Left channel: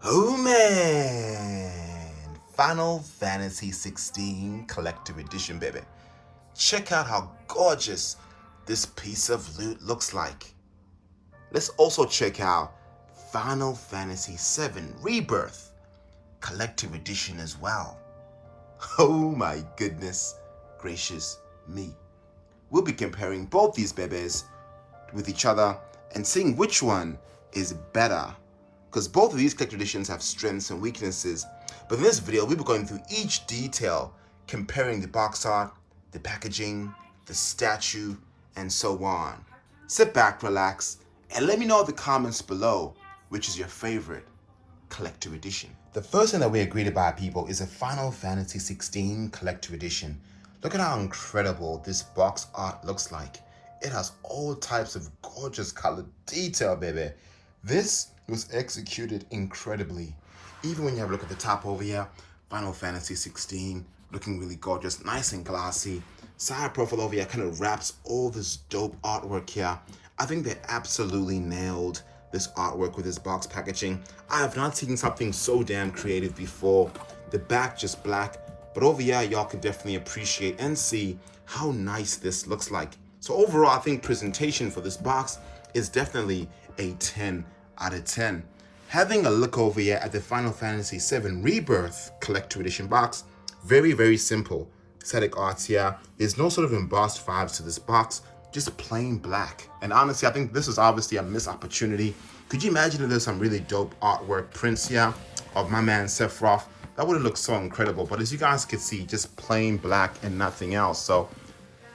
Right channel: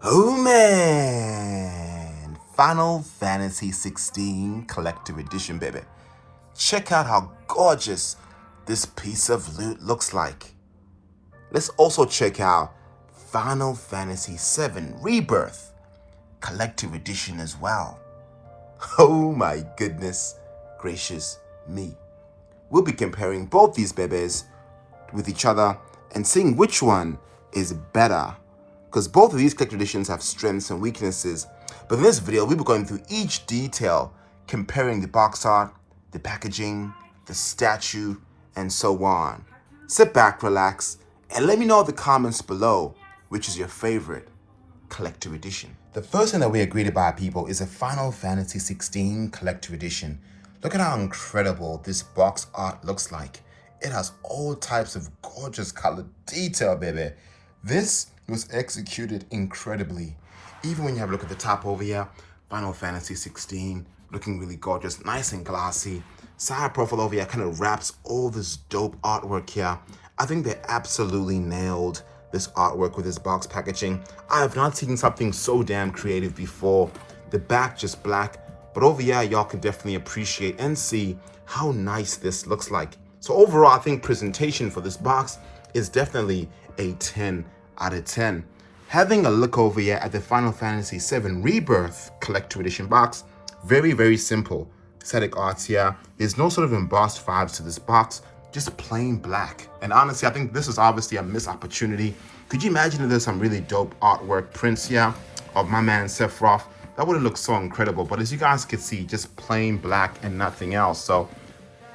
Oh man! Final Fantasy 16 Collector Edition, baby. Check out how gorgeous this piece of loot looks like. Let's also check out Final Fantasy 7 Rebirth Collector Edition as well. Oh my goodness gracious me. We'll be comparing both these babies with each other and seeing which one is better, because both of these collector editions have strengths and weaknesses. But in this video, we'll be going through each detail, comparing the box art, the packaging, the statue, and so on. Sit back, relax, and let me know in the comments below which is your favorite collector edition. The first thing that we agreed about, people, is a Final Fantasy 16 collector edition. Look at how incredible this box art looks like. It has all types of gorgeous color detail, baby. This was executed incredibly. Even when you have a look at the top over here, Final Fantasy 16, looking really gorgeous, nice and glossy. Side profile over here kind of wraps all this dope artwork here. I think they absolutely nailed this artwork with this box packaging. I have not seen something so damn creative before. The back just black, but over here y'all can definitely appreciate and see how nice this looks like. So overall, I think presentation for this box is definitely a 10 out of 10. Having a look over here at the Final Fantasy 7 Rebirth Collector Edition box, very, very simple. Static arts here. There's no sort of embossed vibes to this box, just plain black. And honestly, I think this is obviously a missed opportunity. Could you imagine if there's some really dope artwork prints here of my man Sephiroth? That would have looked so incredible. But as you guys can see, just plain black and nothing else. So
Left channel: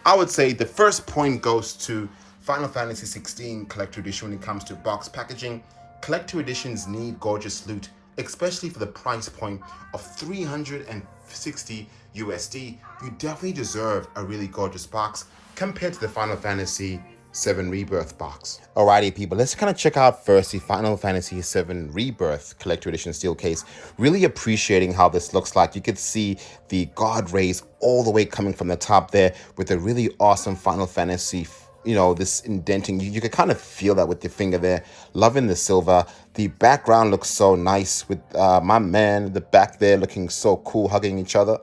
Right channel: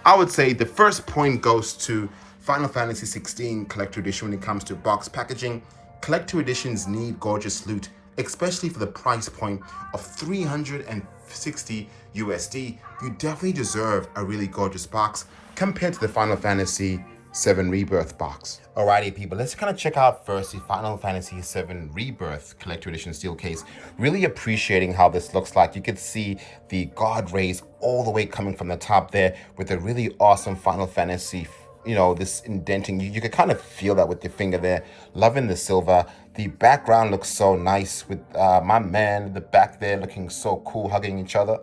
I would say the first point goes to Final Fantasy 16 Collector Edition when it comes to box packaging. Collector editions need gorgeous loot, especially for the price point of 360 USD. You definitely deserve a really gorgeous box compared to the Final Fantasy 7 Rebirth box. Alrighty, people, let's kind of check out first the Final Fantasy 7 Rebirth Collector Edition steel case. Really appreciating how this looks like. You could see the god rays all the way coming from the top there with a really awesome Final Fantasy, you know, this indenting. You could kind of feel that with your finger there. Loving the silver. The background looks so nice with my man, the back there looking so cool, hugging each other.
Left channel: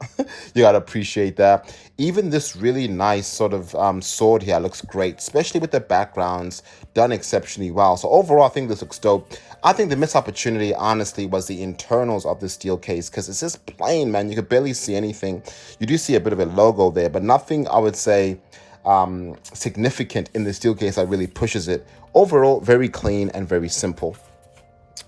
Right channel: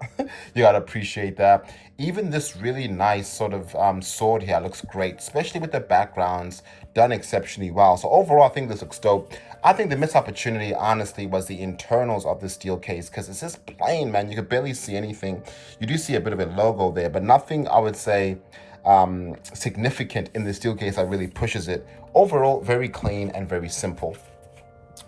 You gotta appreciate that. Even this really nice sort of sword here looks great, especially with the backgrounds done exceptionally well. So overall, I think this looks dope. I think the missed opportunity, honestly, was the internals of the steel case, because it's just plain, man. You could barely see anything. You do see a bit of a logo there, but nothing, I would say, significant in the steel case that really pushes it. Overall, very clean and very simple.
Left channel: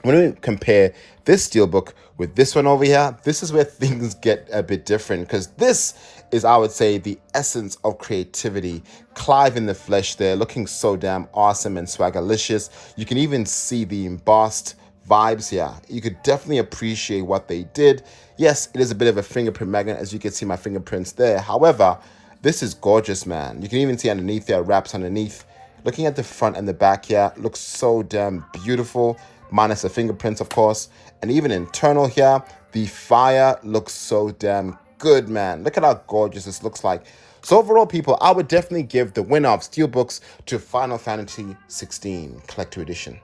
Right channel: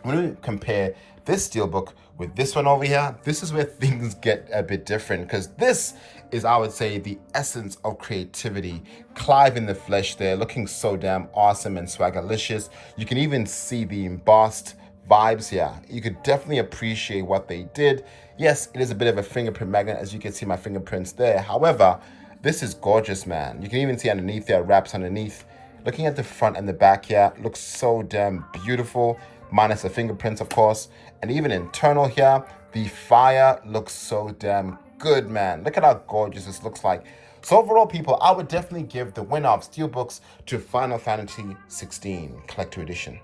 When we compare this steelbook with this one over here, this is where things get a bit different, because this is, I would say, the essence of creativity. Clive in the flesh there, looking so damn awesome and swaggerlicious. You can even see the embossed vibes here. You could definitely appreciate what they did. Yes, it is a bit of a fingerprint magnet, as you can see my fingerprints there. However, this is gorgeous, man. You can even see underneath there, wraps underneath. Looking at the front and the back here, looks so damn beautiful, minus the fingerprints, of course. And even internal here, the fire looks so damn good, man. Look at how gorgeous this looks like. So overall, people, I would definitely give the winner of steelbooks to Final Fantasy 16 Collector Edition.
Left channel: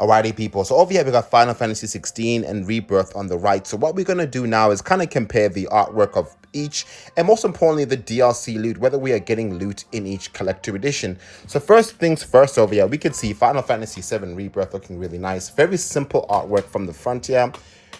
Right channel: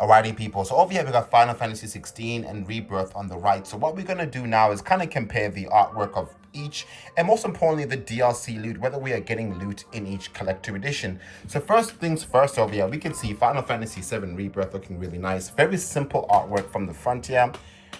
Alrighty, people, so over here we got Final Fantasy 16 and Rebirth on the right. So what we're going to do now is kind of compare the artwork of each, and most importantly the DLC loot, whether we are getting loot in each collector edition. So first things first, over here we can see Final Fantasy 7 Rebirth looking really nice. Very simple artwork from the front here,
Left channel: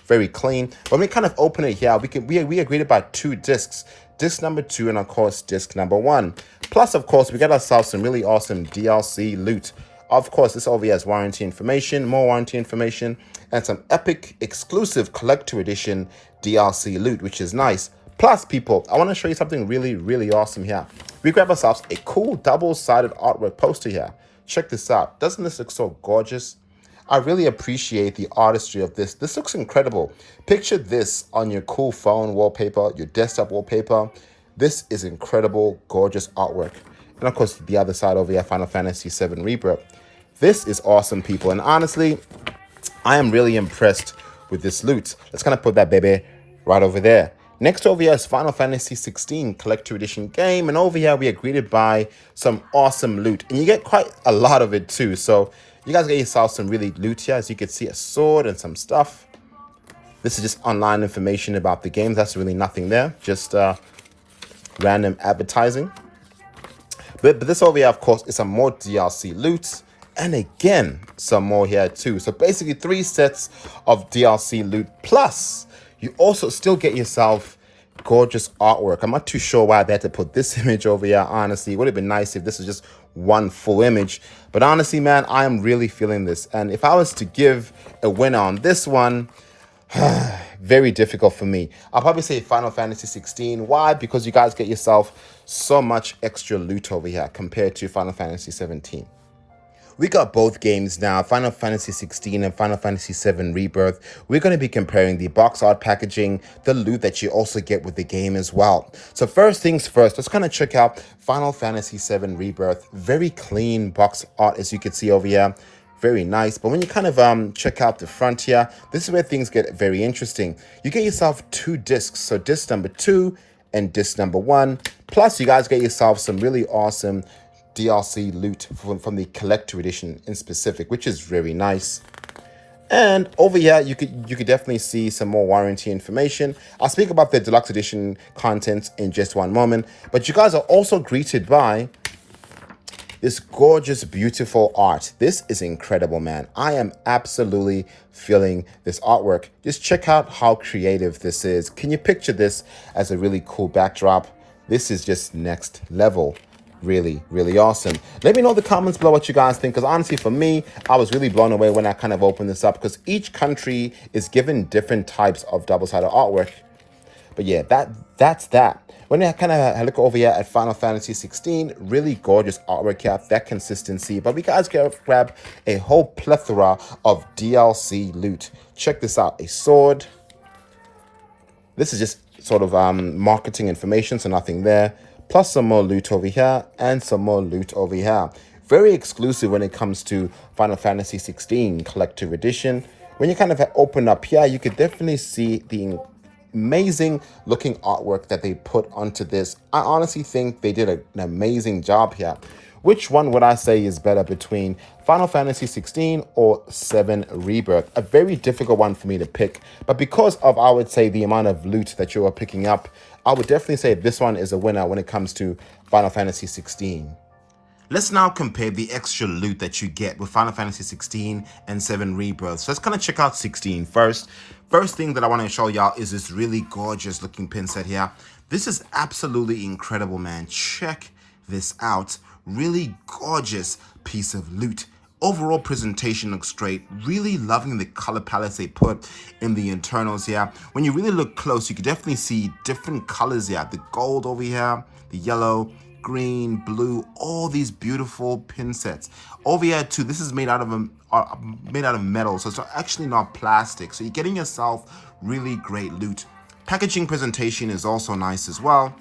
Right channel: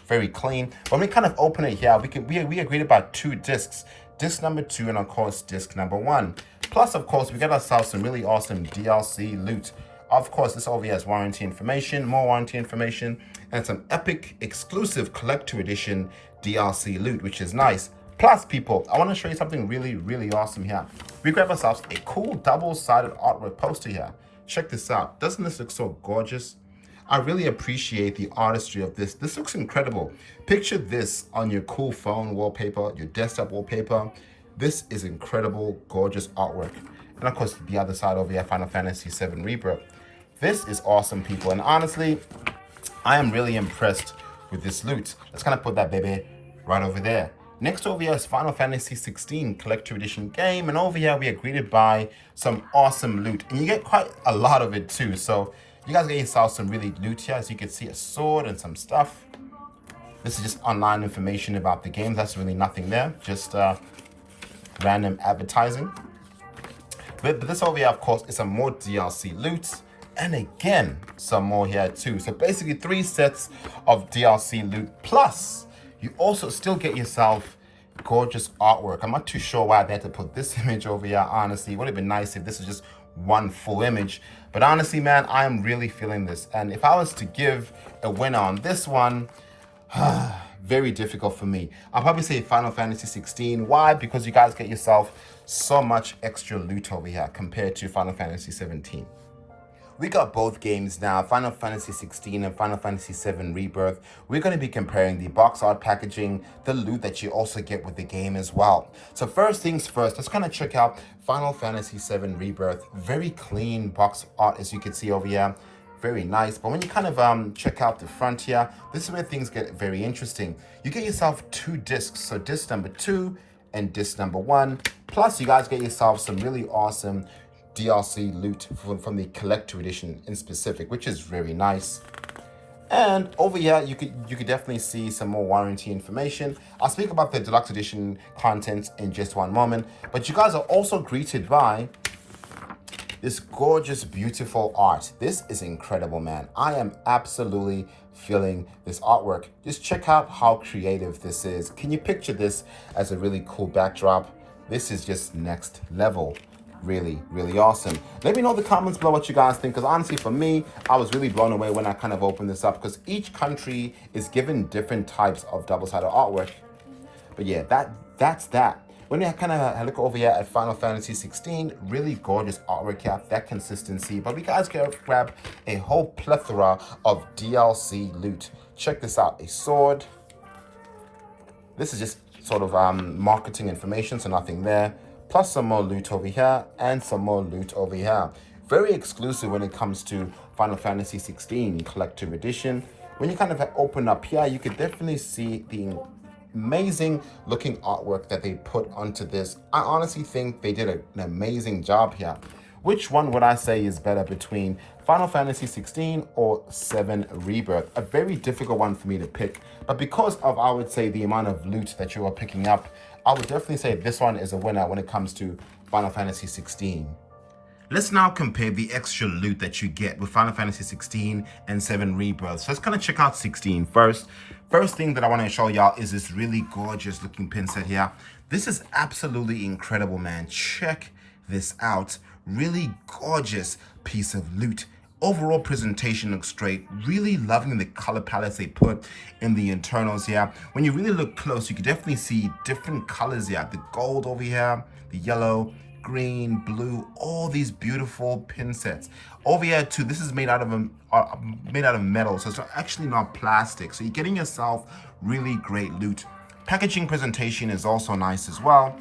very clean. When we kind of open it here, we agreed about 2 discs. Disc number 2 and of course disc number 1. Plus, of course, we got ourselves some really awesome DLC loot. Of course, this over here has warranty information, more warranty information, and some epic exclusive collector edition DLC loot, which is nice. Plus, people, I want to show you something really, really awesome here. We grab ourselves a cool double-sided artwork poster here. Check this out. Doesn't this look so gorgeous? I really appreciate the artistry of this. This looks incredible. Picture this on your cool phone wallpaper, your desktop wallpaper. This is incredible, gorgeous artwork. And of course, the other side over here, Final Fantasy 7 Rebirth. This is awesome, people. And honestly, I am really impressed with this loot. Let's kind of put that baby right over there. Next over here is Final Fantasy 16 Collector Edition game. And over here, we are greeted by some awesome loot. And you get quite a lot of it too. So You guys get yourself some really loot here. As you can see, a sword and some stuff. This is just online information about the game. That's really nothing there. Just random advertising. But this over here, of course, is some more DLC loot. And again, some more here too. So basically 3 sets of DLC loot. Plus, you also still get yourself gorgeous artwork. I'm not too sure why they had to put this image over here, honestly. It would have been nice if this was just one full image. But honestly, man, I'm really feeling this. And if I was to give a winner on this one, very difficult for me. I'll probably say Final Fantasy 16. Why? Because you guys get yourself so much extra loot over here compared to Final Fantasy 17. We got both games now, Final Fantasy 16 and Final Fantasy 7 Rebirth. We're going to be comparing the box art packaging, the loot that you also get with the game as well. So first things first, let's kind of check out Final Fantasy 7 Rebirth. Very clean box art, as you can see over here. Very nice. But when you kind of check out the front here, this is where things get very interesting. You get yourself 2 discs. So disc number 2 and disc number 1. Plus you guys get yourself some really awesome DLC loot from the collector edition in specific, which is very nice. And over here, you could definitely see some more warranty information. I'll speak about the deluxe edition contents in just one moment, but you guys are also greeted by this gorgeous, beautiful art. This is incredible, man. I am absolutely feeling this artwork. Just check out how creative this is. Can you picture this as a really cool backdrop? This is just next level. Really, really awesome. Let me know in the comments below what you guys think, because honestly for me, I was really blown away when I kind of opened this up, because each country is given different types of double-sided artwork. But yeah, that's that. When I kind of look over here at Final Fantasy 16, really gorgeous artwork here, that consistency. But we guys can grab a whole plethora of DLC loot. Check this out, a sword. This is just sort of marketing information, so nothing there. Plus some more loot over here and some more loot over here. Very exclusive when it comes to Final Fantasy 16 Collector's Edition. When you kind of open up here, you could definitely see the amazing looking artwork that they put onto this. I honestly think they did an amazing job here. Which one would I say is better between Final Fantasy 16 or 7 Rebirth? A very difficult one for me to pick, but because of, I would say, the amount of loot that you are picking up, I would definitely say this one is a winner when it comes to Final Fantasy 16. Let's now compare the extra loot that you get with Final Fantasy 16 and 7 Rebirth. So let's kind of check out 16 first. First thing that I want to show y'all is this really gorgeous looking pin set here. This is absolutely incredible, man. Check this out. Really gorgeous piece of loot. Overall presentation looks great. Really loving the color palettes they put in the internals here. When you really look close, you can definitely see different colors here. The gold over here, the yellow, green, blue, all these beautiful pin sets. Over here too, this is made out of metal, so it's actually not plastic. So you're getting yourself really great loot. Packaging presentation is also nice as well.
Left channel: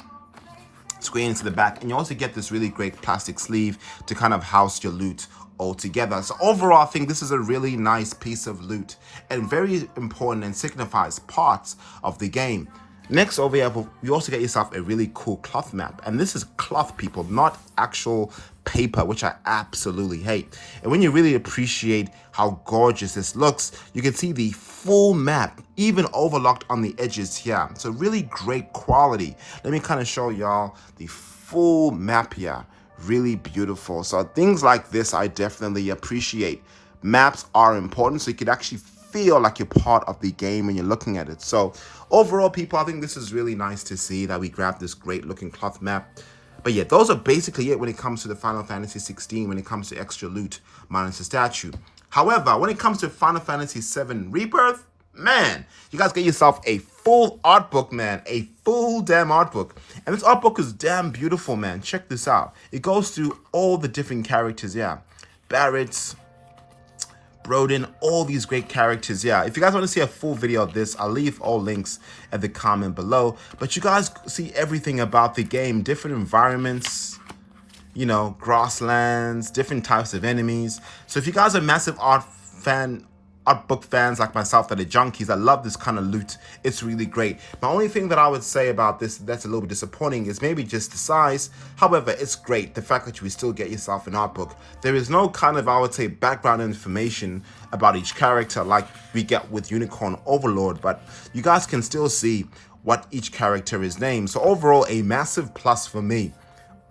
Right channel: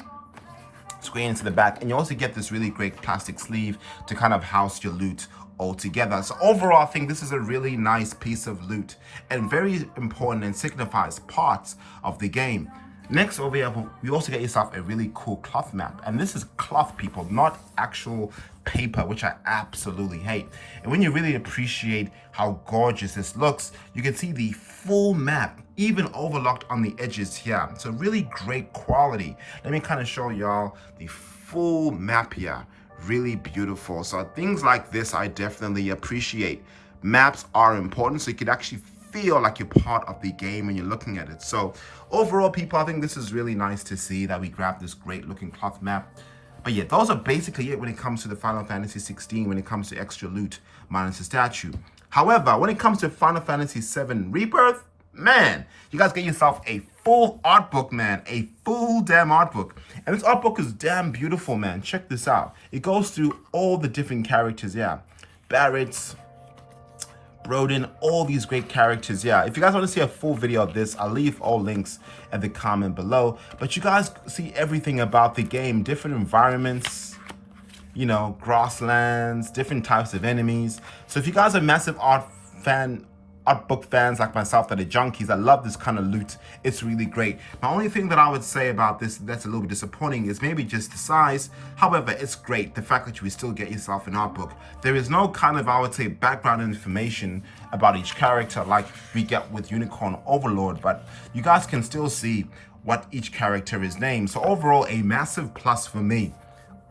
Screen into the back, and you also get this really great plastic sleeve to kind of house your loot all together. So overall, I think this is a really nice piece of loot and very important and signifies parts of the game. Next over here, you also get yourself a really cool cloth map, and this is cloth, people, not actual paper, which I absolutely hate. And when you really appreciate how gorgeous this looks, you can see the full map, even overlocked on the edges here. So really great quality. Let me kind of show y'all the full map here. Really beautiful. So things like this I definitely appreciate. Maps are important, so you could actually feel like you're part of the game when you're looking at it. So overall, people, I think this is really nice to see that we grabbed this great looking cloth map. But yeah, those are basically it when it comes to the Final Fantasy 16, when it comes to extra loot minus the statue. However, when it comes to Final Fantasy 7 Rebirth, man, you guys get yourself a full art book, man. A full damn art book. And this art book is damn beautiful, man. Check this out. It goes through all the different characters, yeah. Barrett's, Broden, all these great characters. Yeah, if you guys want to see a full video of this, I'll leave all links at the comment below. But you guys see everything about the game, different environments, you know, grasslands, different types of enemies. So if you guys are massive art fan art book fans like myself that are junkies, I love this kind of loot. It's really great. My only thing that I would say about this that's a little bit disappointing is maybe just the size. However, it's great, the fact that you still get yourself an art book. There is no kind of, I would say, background information about each character like we get with Unicorn Overlord, but you guys can still see what each character is named. So overall, a massive plus for me.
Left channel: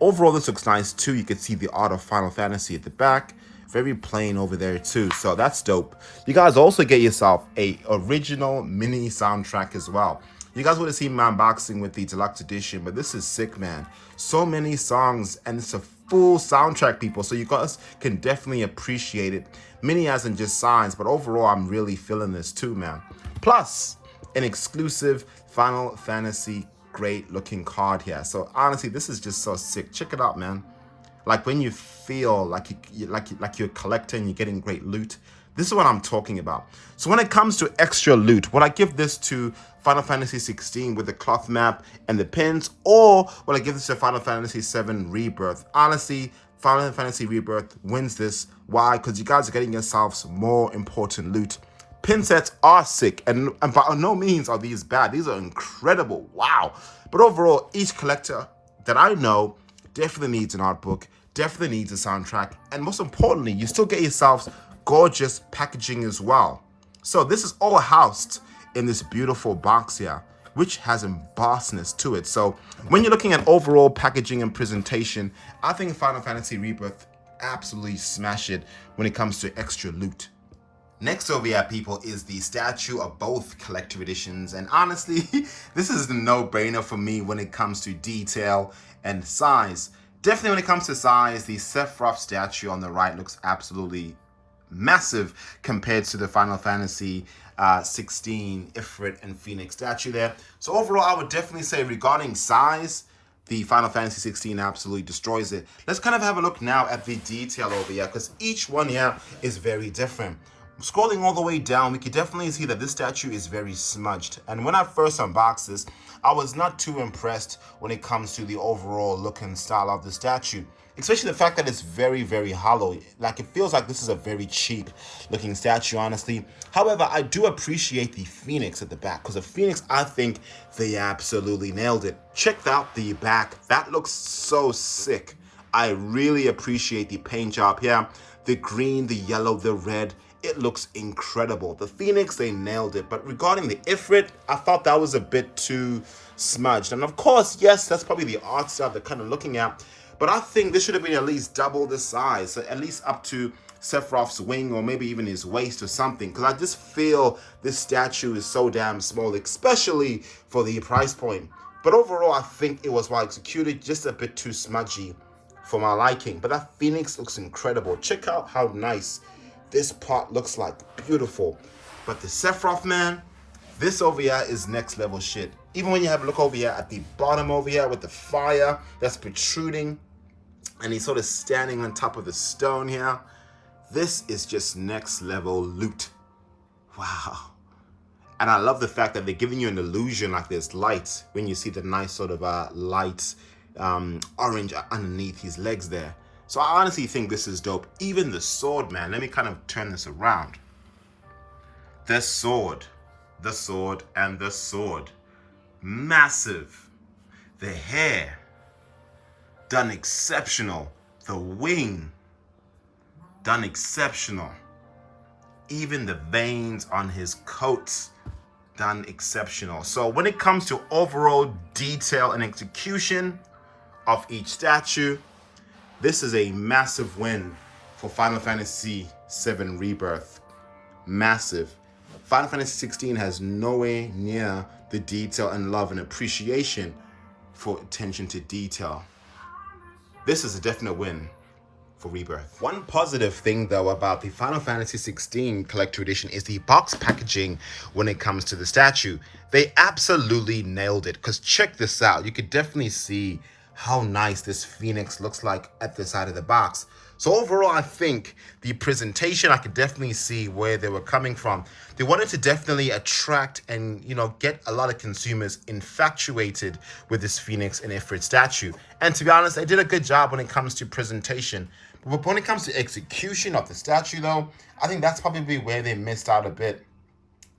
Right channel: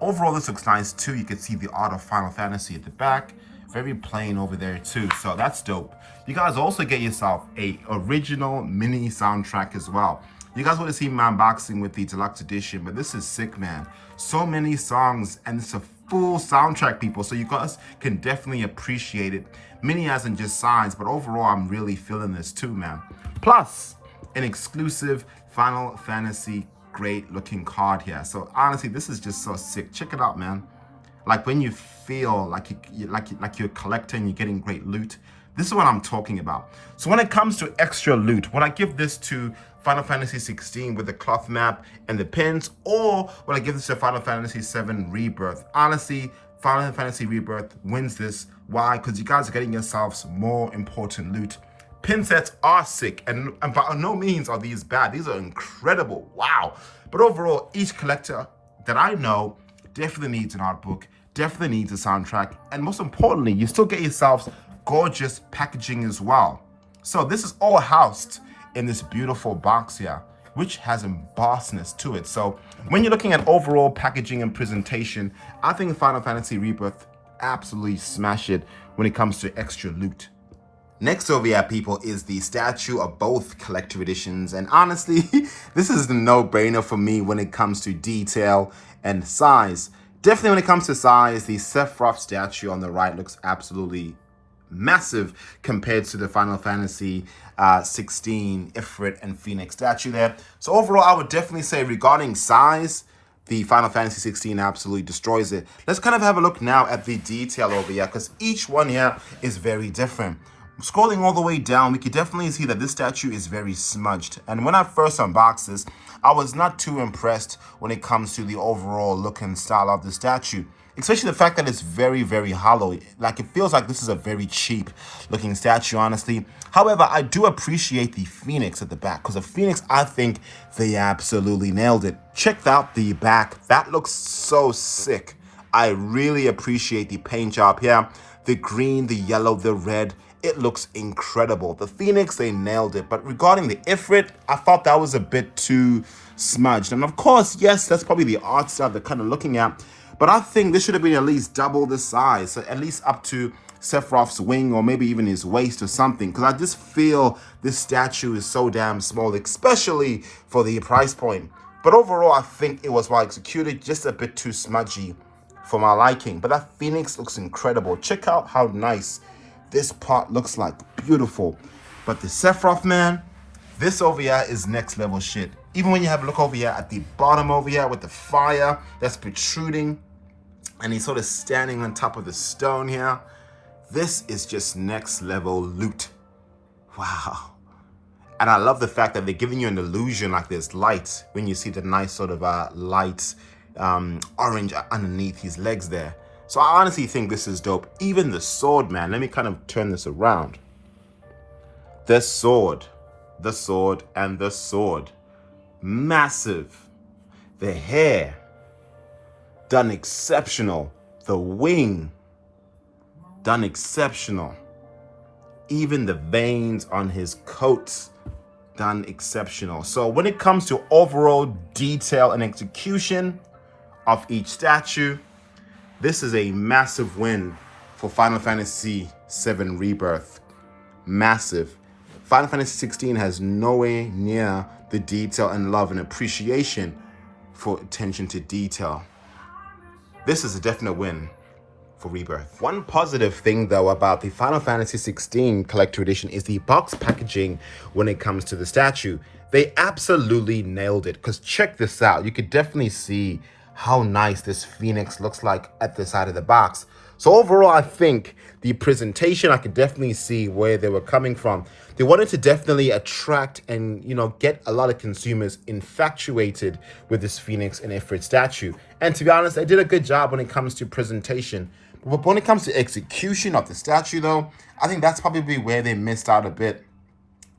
Overall, this looks nice too. You can see the art of Final Fantasy at the back. Very plain over there too, so that's dope. You guys also get yourself a original mini soundtrack as well. You guys would have seen my unboxing with the deluxe edition, but this is sick, man. So many songs, and it's a full soundtrack, people, so you guys can definitely appreciate it. Mini as in just signs, but overall, I'm really feeling this too, man. Plus, an exclusive Final Fantasy great looking card here. So honestly, this is just so sick. Check it out, man. Like when you feel like you're collecting, you're getting great loot. This is what I'm talking about. So when it comes to extra loot, would I give this to Final Fantasy 16 with the cloth map and the pins, or would I give this to Final Fantasy 7 Rebirth? Honestly, Final Fantasy Rebirth wins this. Why? Because you guys are getting yourselves more important loot. Pin sets are sick, and by no means are these bad. These are incredible. Wow. But overall, each collector that I know definitely needs an art book, definitely needs a soundtrack, and most importantly, you still get yourselves gorgeous packaging as well. So this is all housed in this beautiful box here, which has embossness to it. So when you're looking at overall packaging and presentation, I think Final Fantasy Rebirth absolutely smash it when it comes to extra loot. Next over here, people, is the statue of both collector editions. And honestly, this is the no-brainer for me when it comes to detail and size. Definitely when it comes to size, the Sephiroth statue on the right looks absolutely massive compared to the Final Fantasy 16 Ifrit and Phoenix statue there. So overall, I would definitely say regarding size, the Final Fantasy 16 absolutely destroys it. Let's kind of have a look now at the detail over here, because each one here is very different. Scrolling all the way down, we can definitely see that this statue is very smudged. And when I first unboxed this, I was not too impressed when it comes to the overall look and style of the statue. Especially the fact that it's very, very hollow. Like, it feels like this is a very cheap looking statue, honestly. However, I do appreciate the Phoenix at the back, because the Phoenix, I think they absolutely nailed it. Check out the back. That looks so sick. I really appreciate the paint job here. The green, the yellow, the red. It looks incredible. The Phoenix, they nailed it. But regarding the Ifrit, I thought that was a bit too smudged. And of course, yes, that's probably the art style they're kind of looking at. But I think this should have been at least double the size. So at least up to Sephiroth's wing, or maybe even his waist or something. Because I just feel this statue is so damn small, especially for the price point. But overall, I think it was well executed, just a bit too smudgy for my liking. But that Phoenix looks incredible. Check out how nice this part looks like. Beautiful. But the Sephiroth, man, this over here is next level shit. Even when you have a look over here at the bottom over here with the fire that's protruding, and he's sort of standing on top of the stone here, this is just next level loot. Wow. And I love the fact that they're giving you an illusion like there's light when you see the nice sort of light orange underneath his legs there. So I honestly think this is dope. Even the sword, man. Let me kind of turn this around. The sword, and the sword. Massive. The hair, done exceptional. The wing, done exceptional. Even the veins on his coat, done exceptional. So when it comes to overall detail and execution of each statue, this is a massive win for Final Fantasy 7 Rebirth. Massive. Final Fantasy 16 has nowhere near the detail and love and appreciation for attention to detail. This is a definite win for Rebirth. One positive thing though about the Final Fantasy 16 Collector Edition is the box packaging when it comes to the statue. They absolutely nailed it, because check this out. You could definitely see how nice this Phoenix looks like at the side of the box. So overall, I think the presentation, I could definitely see where they were coming from. They wanted to definitely attract and, get a lot of consumers infatuated with this Phoenix and Ifrit statue. And to be honest, they did a good job when it comes to presentation. But when it comes to execution of the statue though, I think that's probably where they missed out a bit.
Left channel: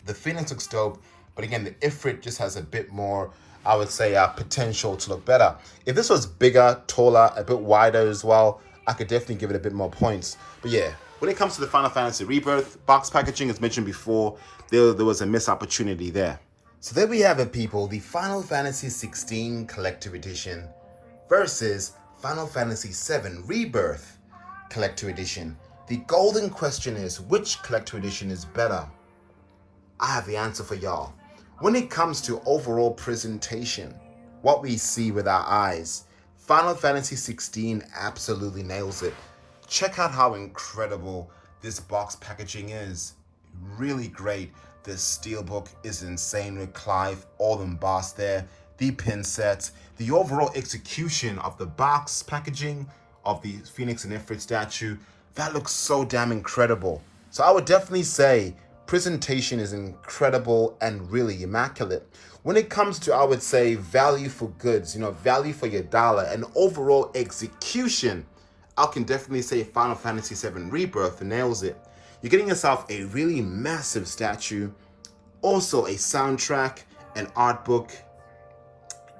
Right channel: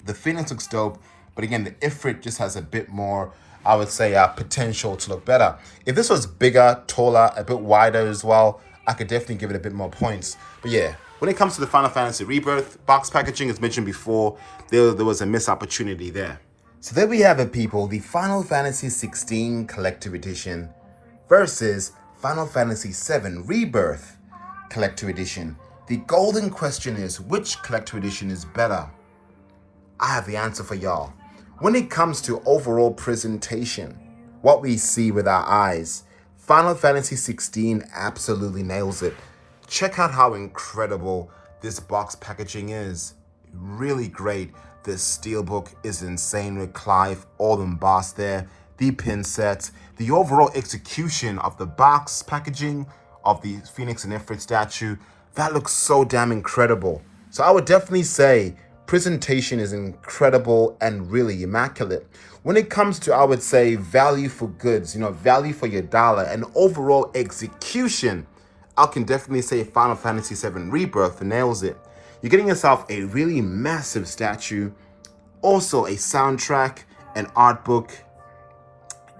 The Phoenix looks dope, but again, the Ifrit just has a bit more, I would say, potential to look better. If this was bigger, taller, a bit wider as well, I could definitely give it a bit more points. But yeah, when it comes to the Final Fantasy Rebirth, box packaging, as mentioned before, there was a missed opportunity there. So there we have it, people. The Final Fantasy 16 Collector Edition versus Final Fantasy 7 Rebirth Collector Edition. The golden question is, which Collector Edition is better? I have the answer for y'all. When it comes to overall presentation, what we see with our eyes, Final Fantasy 16 absolutely nails it. Check out how incredible this box packaging is. Really great. The steelbook is insane with Clive all embossed there. The pin sets, the overall execution of the box packaging of the Phoenix and Ifrit statue, that looks so damn incredible. So I would definitely say presentation is incredible and really immaculate. When it comes to, I would say, value for goods, value for your dollar and overall execution, I can definitely say Final Fantasy VII Rebirth nails it. You're getting yourself a really massive statue, also a soundtrack, an art book,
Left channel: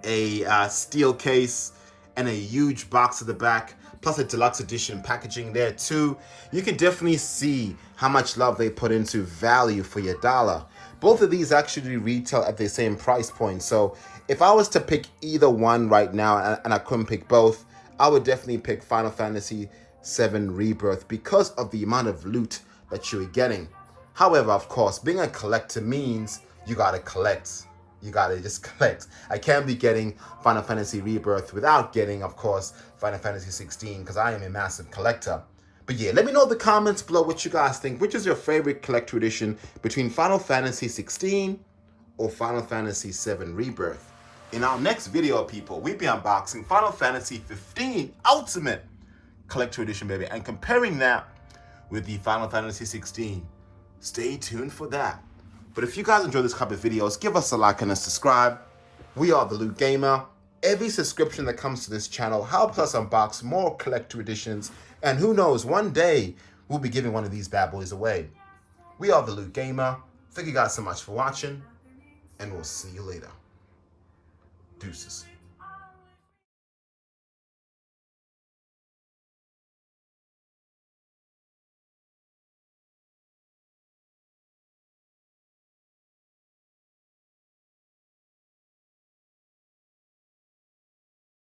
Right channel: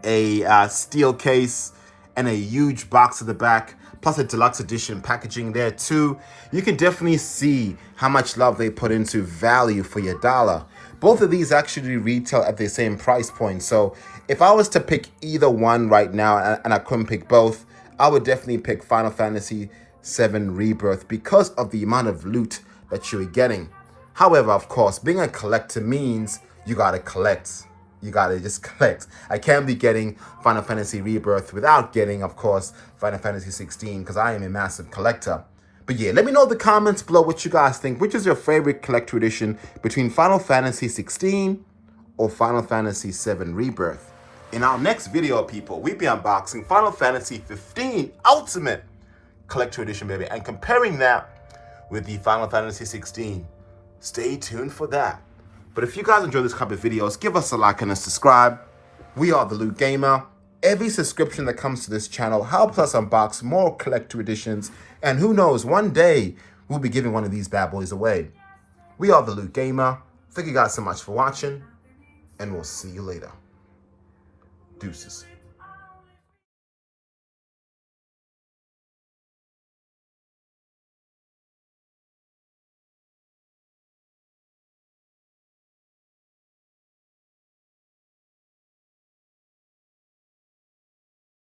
a steel case, and a huge box at the back, plus a deluxe edition packaging there too. You can definitely see how much love they put into value for your dollar. Both of these actually retail at the same price point. So if I was to pick either one right now and I couldn't pick both, I would definitely pick Final Fantasy VII Rebirth because of the amount of loot that you're getting. However, of course, being a collector means you gotta collect. You gotta just collect. I can't be getting Final Fantasy Rebirth without getting, of course, Final Fantasy 16 because I am a massive collector. But yeah, let me know in the comments below what you guys think. Which is your favorite collector edition between Final Fantasy 16 or Final Fantasy VII Rebirth? In our next video, people, we'll be unboxing Final Fantasy 15 Ultimate Collector Edition, baby, and comparing that with the Final Fantasy 16. Stay tuned for that. But if you guys enjoy this type of videos, give us a like and a subscribe. We are The Loot Gamer. Every subscription that comes to this channel helps us unbox more collector editions. And who knows, one day we'll be giving one of these bad boys away. We are The Loot Gamer. Thank you guys so much for watching, and we'll see you later. Deuces.